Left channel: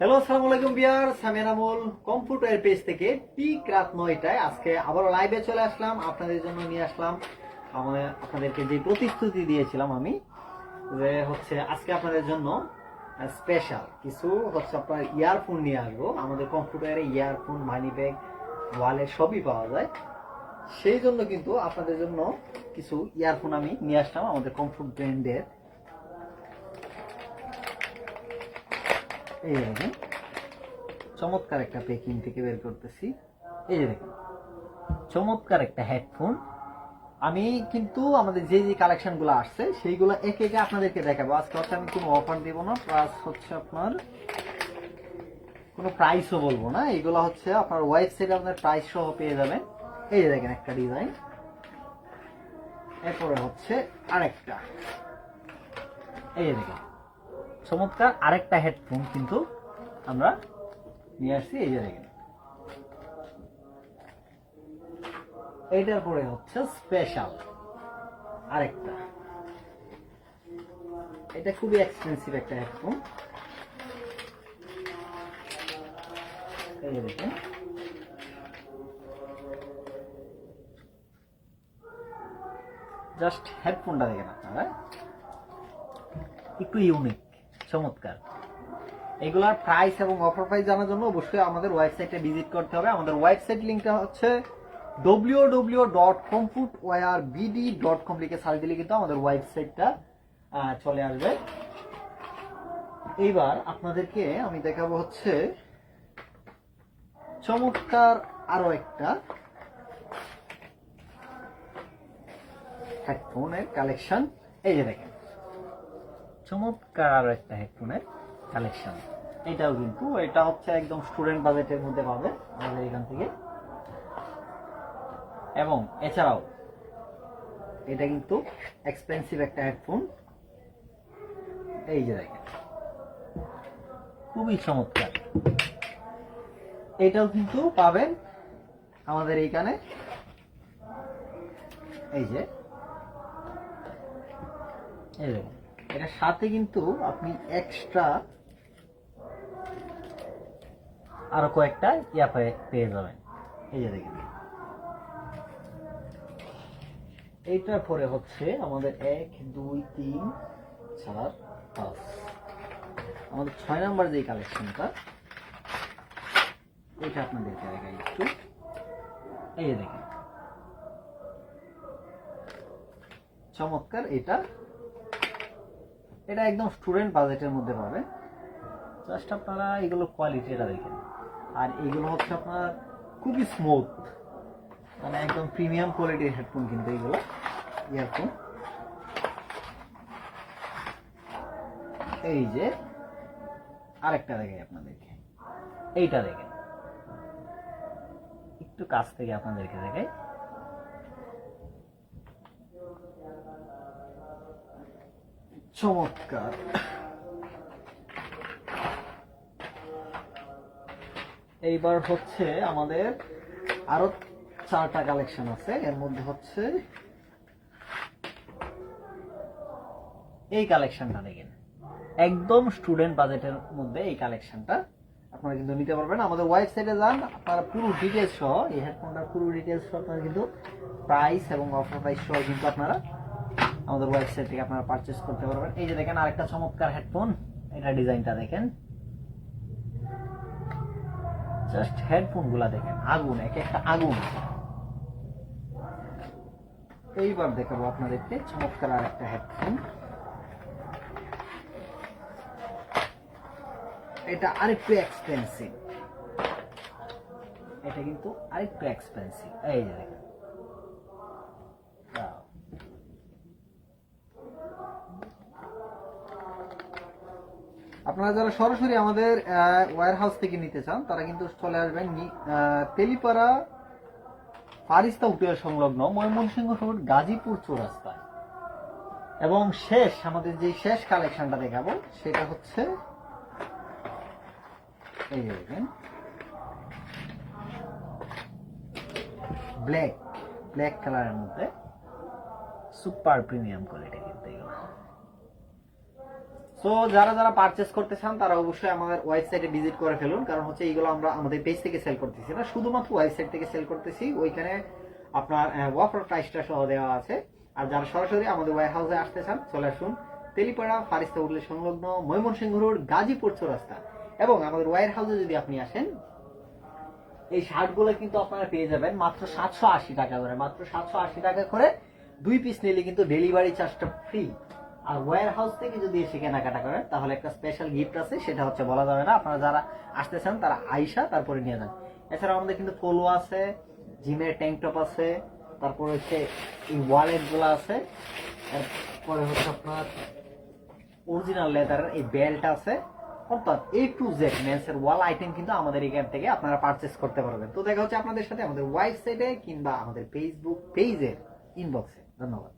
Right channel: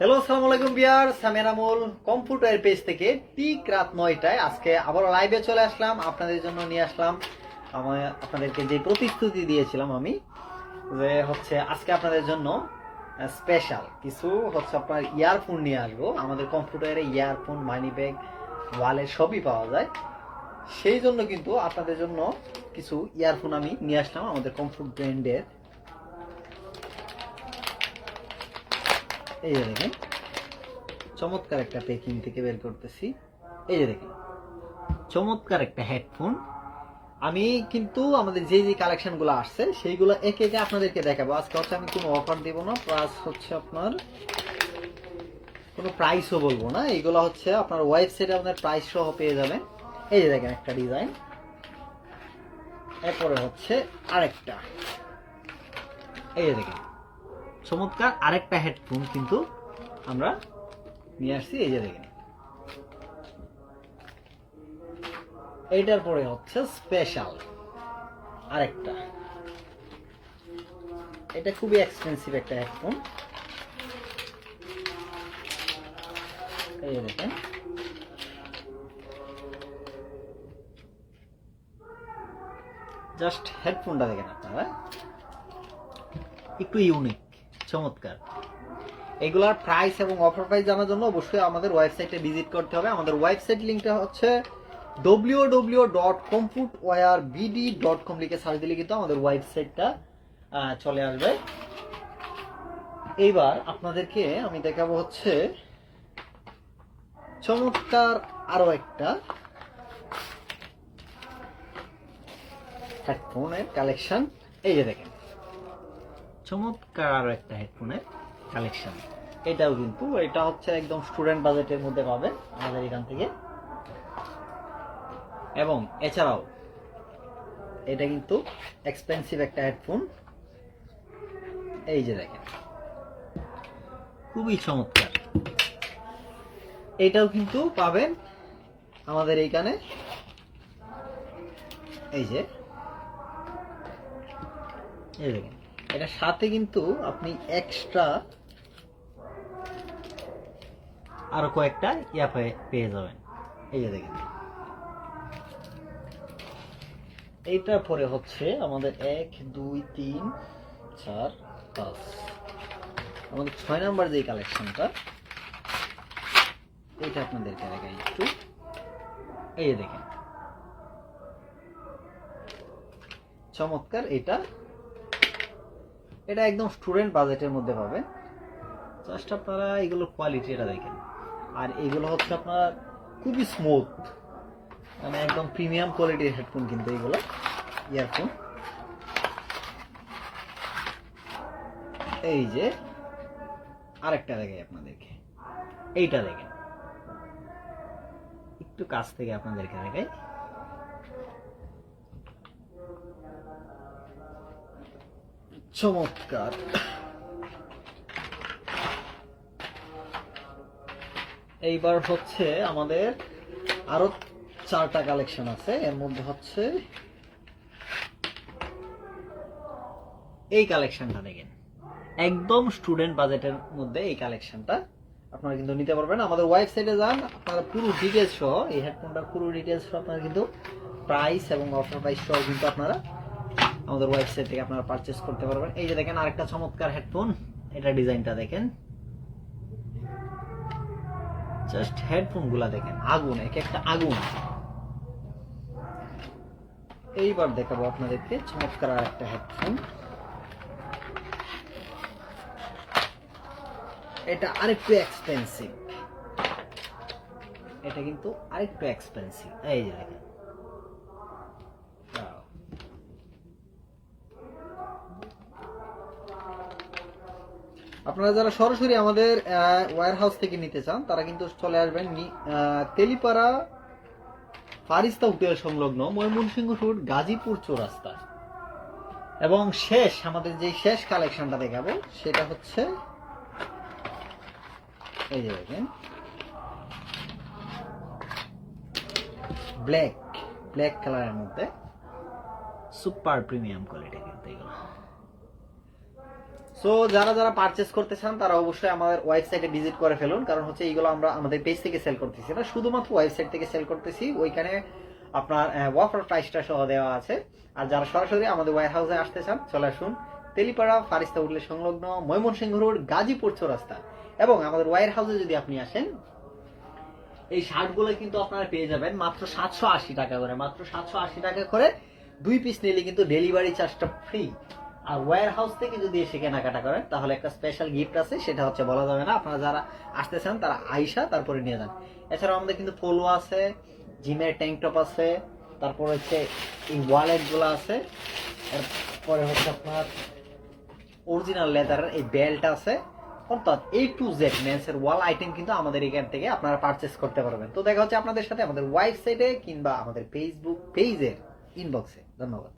Hello, আসসালামু আলাইকুম viewers, আমি এনামুল কম্পিউটার পেজ থেকে ঠিক রাত 9টায় আজকে আবার লাইভে চলে আসলাম। আপনাদের জন্য নিয়ে আসলাম আপনাদেরকে যে প্রতিশ্রুতি দিয়েছিলাম আমি, যে হচ্ছে আজকে আপনাদের জন্য স্পেশাল কিছু হচ্ছে আপনার ইয়ারফোন নিয়ে আসবো। আমাদের কম্পিউটারে ইয়ারফোন, মানি ব্যাগ, ওয়ালেট সবই পাওয়া যায়। সেই জন্য কিন্তু আপনাদের জন্য কিছু ইয়ারফোন আমি নিয়ে আসলাম আমাদের কমফোর্ট ব্র্যান্ডের। এই দেখেন, চমৎকার একটা প্যাকিং থেকে বের করতেছি। এই যে দেখেন, চমৎকার একটা হেডফোন। আমি কিন্তু আমাদের যে যে কালেকশনগুলো আসছে সেইগুলো একে একে আপনাদেরকে দেখাবো। আজকে হচ্ছে আমি কোনো অফার দেবো না, প্লাস হচ্ছে আপনার কোনো প্রাইসও বলবো না। এইগুলো হচ্ছে আপনার ওয়েবসাইটে আপনার প্রাইস সহ পেয়ে যাবেন। এই যে দেখেন একটা ডিজাইন, এরপরে হচ্ছে আরেকটা। এই যে দেখেন, চমৎকার আরেকটা হেডফোন কিন্তু আমরা নিয়ে আসছি। এই যে দেখেন, এইটার পরে হচ্ছে স্পেশাল আরেকটা। এটা খুবই এক্সপেন্সিভ একটা হেডফোন। এই দেখেন, জাস্ট হেডফোনটা দেখেন আপনারা, একটু ইউনিক, চমৎকার। এগুলার প্রাইস এবং অফার প্রাইস জানার জন্য অবশ্যই আমাদের ওয়েবসাইটে ভিজিট করতে হবে। আমাদের ওয়েবসাইট লিঙ্কটা হচ্ছে www.comfortwarebd.com লিখে সার্চ দিলে কিন্তু আমাদের ওয়েবসাইটটা চলে আসবে। এইবার আপনাদেরকে আমি দেখাবো হচ্ছে চমৎকার আরো একটা হেডফোনের কালেকশন। এই যে দেখেন, চমৎকার আরো একটা হেডফোনের কালেকশন। এটাও কিন্তু এটা হচ্ছে একদম স্টুডেন্ট বাজেটের মধ্যে পাবে আমাদের এখান থেকে। এবং এছাড়াও এটা কিন্তু এক্সপেন্সিভ একটা হেডফোন। এই যে দেখেন, খুবই চমৎকার। এটাও কিন্তু পাবেন আমাদের এইখানে। এই যে এই দেখেন, এটার সাথে কিন্তু আপনি এক্সট্রা আরো কয়েকটা পেয়ে যাবেন। এই যে দেখেন, এইটার পরে হচ্ছে আমাদের 1 2 3 4 5 আমাদের 6 নাম্বার যে কালেকশনটা, এটা আপনাদেরকে দেখাই একটু। এই যে দেখেন, চমৎকার। এটা এটা একদম স্টুডেন্ট বাজেটের মধ্যে পাবেন। জাস্ট আপনারা এগুলো কোয়ালিটি এটা দেখেন। আর এগুলো হচ্ছে আপনার খুবই স্মুথ, মানে একদম প্রিমিয়াম কোয়ালিটির হেডফোন কিন্তু এগুলো ইয়ারফোন। এই যে আরেকটা দেখাই আপনাদেরকে, এইটা দেখেন, একটু কাছ থেকে আপনাদেরকে দেখাই। চমৎকার। এইবার হচ্ছে আমাদের আরো 4টা কালেকশন আছে। এর মধ্যে হচ্ছে এই কালেকশনটা দেখেন, একদম স্টুডেন্ট বাজেটের মধ্যে এই কালেকশনটা আপনারা কিন্তু নিতে পারবেন। আমাদের ওয়েবসাইটে যান, আপনারা পুরো ডিটেলস সহ এই হেডফোনটার পুরো ডিটেলস সহ আপনারা কিন্তু প্রাইস এবং অফার প্রাইস সহ কিন্তু আপনারা আমাদের ওয়েবসাইট থেকে আপনারা পারচেজ করতে পারবেন। এই যে দেখেন আরেকটা চমৎকার হেডফোন। এটা ডিজাইনটা দেখেন, জাস্ট হেডফোন গুলা দেখেন, আগুন, এক একটা আগুন। এইবার দেখাবো আপনাদেরকে চমৎকার আর একটা হেডফোন। এটা আরেকটু এক্সপেন্সিভ, এটা কিন্তু আরেকটু এক্সপেন্সিভ। এই যে দেখেন, আপনারা যারা সরাসরি আমাদের ওয়্যার হাউস থেকে নিতে চান তারা কিন্তু চলে আসবেন তেলিপাড়া ফারিস্তা হোটেল সংলগ্ন ময়মনসিংহ রোড, গাজীপুর চৌরাস্তা। এবং আমাদের যে শেষ কালেকশনটা দেখাবো সেটা হচ্ছে এই যে দেখেন, ব্ল্যাক কালারের মধ্যে সুপার প্রিমিয়াম কোয়ালিটি কিন্তু এগুলো সো যারা যারা পারচেস করতে চান তারা অবশ্যই আমাদের ওয়েবসাইটে ভিজিট করে ফেলুন, কারণ হচ্ছে এইগুলো আমরা আমাদের পেজ থেকে সেল করতেছি না, শুধুমাত্র ওয়েবসাইট থেকে সেল করতেছি। ওইখানে আপনার অফার প্রাইসটা সহ দেওয়া আছে। আর যারা সরাসরি আমাদের ওয়্যার হাউসে আসতে চান চলে আসুন, তেলিপাড়া ফারিস্তা হোটেলের সংলগ্ন ময়মনসিংহ রোড গাজীপুর চৌরাস্তা। এবং আমাদের ওয়্যার হাউসে যদি আপনি আসেন, এই শার্টগুলো কিন্তু আপনারা পেয়ে যাবেন মাত্র 780 টাকা করে, মাত্র 780 টাকা করে। 2 পিস নিলে কিন্তু ডেলিভারি চার্জটা ফ্রি। আর ওয়্যার হাউস থেকে যদি এসে কেনাকাটা করেন তাহলে একটা স্পেশাল গিফট আছে, সেটা হচ্ছে বলা যাবে না। আপনারা যারা আসতে চান তারা আইসা তারপরে নিয়ে যান। এছাড়াও আমাদের কিন্তু পোলো আছে, জিমের ট্যাঙ্ক টপ আছে, তারপর হচ্ছে এই ওয়ালেট গুলো আছে, তারপরে হচ্ছে আপনার অরিজিনাল লেদারের এই বেল্ট আছে। অর্থাৎ A to Z মেন্সের ওয়াল আইটেম কিন্তু আমাদের এখান থেকে আপনারা পারচেস করতে পারবেন। তো দেখা হচ্ছে আপনাদের সাথে আমাদের ওয়েবসাইটে কিংবা আমাদের ফেসবুক পেজের ইনবক্সে। ধন্যবাদ।